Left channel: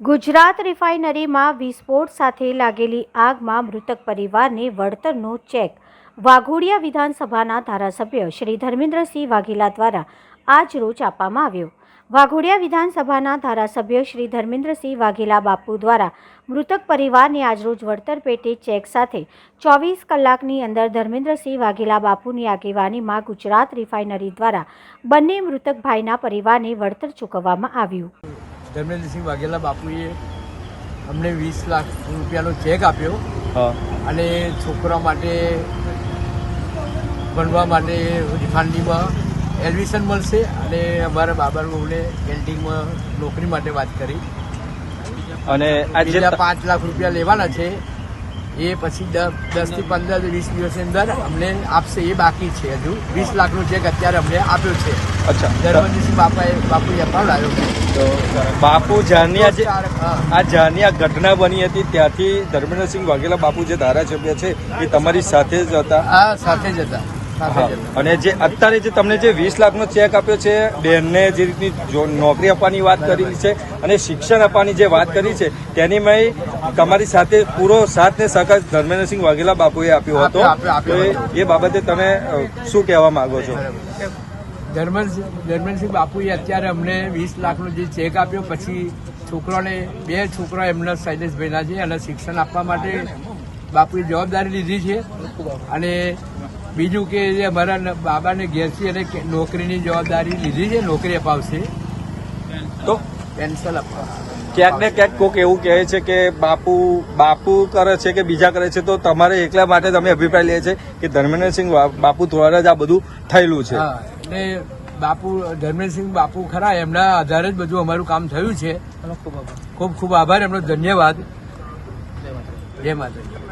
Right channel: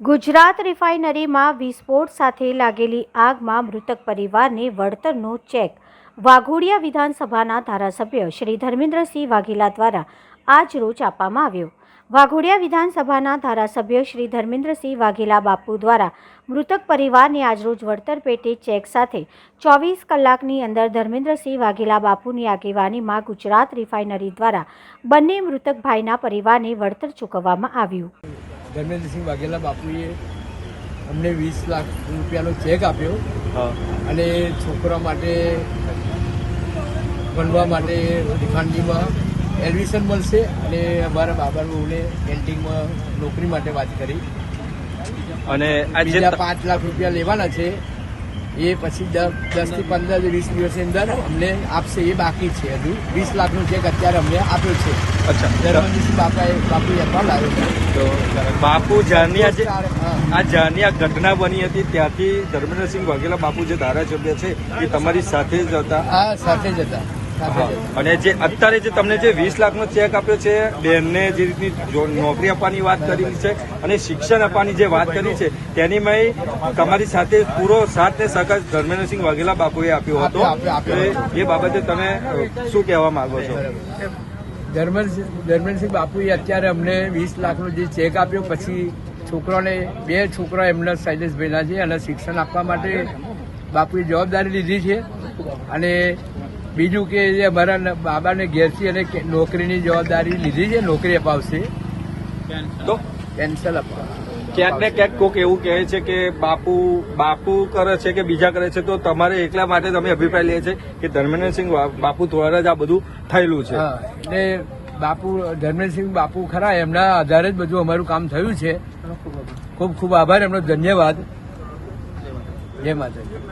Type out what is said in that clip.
ગુજરાત રિફાઇનરીમાં વિસ્ફોટ સાથે લાગેલી આગમાં મૃતક પરિવારને વળતરનો ચેક. વાઘોડિયા વિધાનસભાના ધારાસભ્ય શ્રી ધર્મેન્દ્રસિંહ વાઘેલા દ્વારા આજ રોજ આપવામાં આવ્યો. વાઘોડિયા વિધાનસભાના ધારાસભ્ય શ્રી ધર્મેન્દ્રસિંહ વાઘેલા બાપુ દ્વારા મૃતક પરિવારને આજરોજ વળતર પેટે ચેક સાથે ચોવીસ કલાકની અંદર ધર્મેન્દ્રસિંહ વાઘેલા બાપુની આગેવાનીમાં ગુજરાત રિફાઇનરી દ્વારા બંને મૃતક ભાઈના પરિવારને વળતર ચૂકવવામાં આવ્યું. ધર્મેન્દ્રસિંહ વાઘેલા બાપુએ અમને વીસ લાખ રૂપિયાનો ચેક આપ્યો. અને છોકરા માટે ભણવા માટે રિફાન્ડીમાં એડમિશન મળશે અને અમારા બાબા બહુને કેન્ટીનમાં નોકરી માટે વાત કરી. અને બીજા પાંચ લાખ રૂપિયા લેવાના છે. એ પછી દસથી પંદર વીસ દિવસની અંદર અમને આપશે એ બાકી છે હજુ. વીસ લાખનો ચેક અત્યારે અમને આપ્યો છે. અચ્છા. ધર્મેન્દ્રસિંહ બાપાએ બાપુએ એકાઉન્ટ આવ્યો છે. બાપુ આ જે આ જ્યારની ઘટના બની હતી ત્યાંથી ધર્મેન્દ્રસિંહ વાઘેલા બાપુ જે ધારાસભ્ય છે એ તમારી સાથે જ હતા? સાથે જ હતા. અને જે અત્યારે જે તમને જે વીસ લાખનો ચેક આપ્યો છે બેનને જે રીતની નોકરી આપવાની વાત કરી છે અને શિક્ષણ આપવાની જે વાત કરી છે તેની મેં તમારી સાથે પૂરો સાથ ને સહકાર ધર્મેન્દ્રસિંહ વાઘેલા બાપુએ આપ્યો હતો. એ બાબતે તમે શું કહેવા માંગો છો? ધર્મેન્દ્ર ધર્મેન્દ્રસિંહ બાપુએ અત્યારે અમને વીસ લાખનો જે ચેક આપ્યો, પછી છોકરાને, બે છોકરા એમના શૈલેષભાઈના છે અને શિક્ષણ આપવા માટે બાપુએ જવાબદારી લીધી છે. અને બીજું કે અમારા બાબાને ઘેરથી અને નોકરીની જવાબદારી લીધી છે, નોકરી અપાવશે. પેન્શન ક્યાંક ને ક્યાંક કોક એવું કહે છે કે બાપુ બાપુ કરે છે કે બીજા કરે છે તો તમારે એકલા માટે તમે અભિપ્રાય લે છે કે ધર્મેન્દ્રસિંહ બાપુ દ્વારા જ આ બધું થયેલું છે. હા એટલે બાપુ ધર્મેન્દ્રસિંહ બાપુ ખરા એમના આધારે જ બધું અમારું કામ થયું છે. ખૂબ ખૂબ આભાર એમનો ધન્યવાદ. જય માતાજી.